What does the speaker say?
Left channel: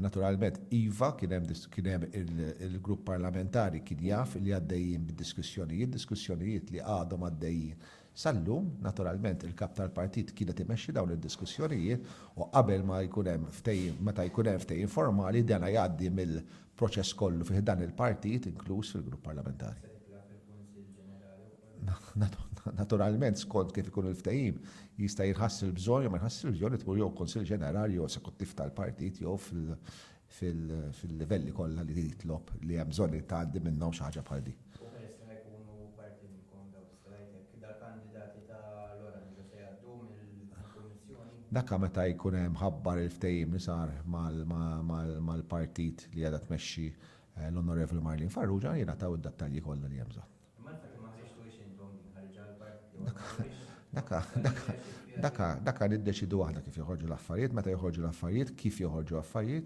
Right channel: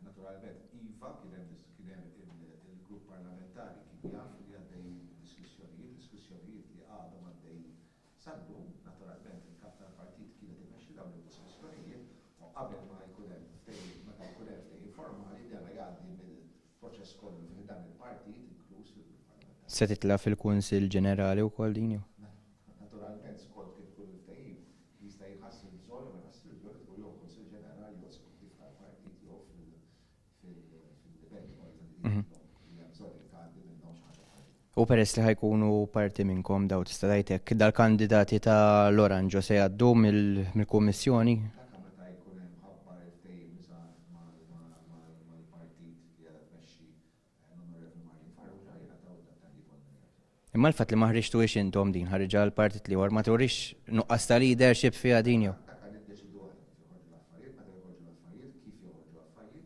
Naturalment, Iva kien hemm il-grupp parlamentari kien jaf li għaddejjin diskussjonijiet li għadhom għaddejjin. Sallum, naturalment, il-kap tal-partit kienet imexxi dawn id-diskussjonijiet u qabel ma jkun hemm ftehim, meta jkun hemm ftehim formali dan jgħaddi mill-proċess kollu fih dan il-partit inkluż fil-grupp parlamentari. Se titla' fil-Kunsill Ġenerali wkoll din? Naturalment, skont kif ikun il-ftehim, jista' jinħassel bżonn jew ma jħassel bżonn tmur jew Kunsill Ġenerali jew esekuttiv tal-partit jew fil-livelli kollha li titlob li hemm bżonn tgħaddi minnhom xi ħaġa bħal di. U peress li ħajkunu parti minnkom daw tista' tgħidlek dal-kandidati tal-Oranġo se jgħaddu mill-Kummissjoni? Dakka meta jkun hemm ħabbar il-ftehim li sar mal-partit li qiegħda tmexxi l-Onorevoli Marlin Farrugia jiena taw id-dettalji kollha li hemm bżonn. Imma l-fatt li ma ħriġtux intom din ħarġa l-partit li war ma turix nuqqas ta' leadership fiha din. Dakka niddeċidu aħna kif joħorġu l-affarijiet, meta joħorġu l-affarijiet, kif joħorġu affarijiet,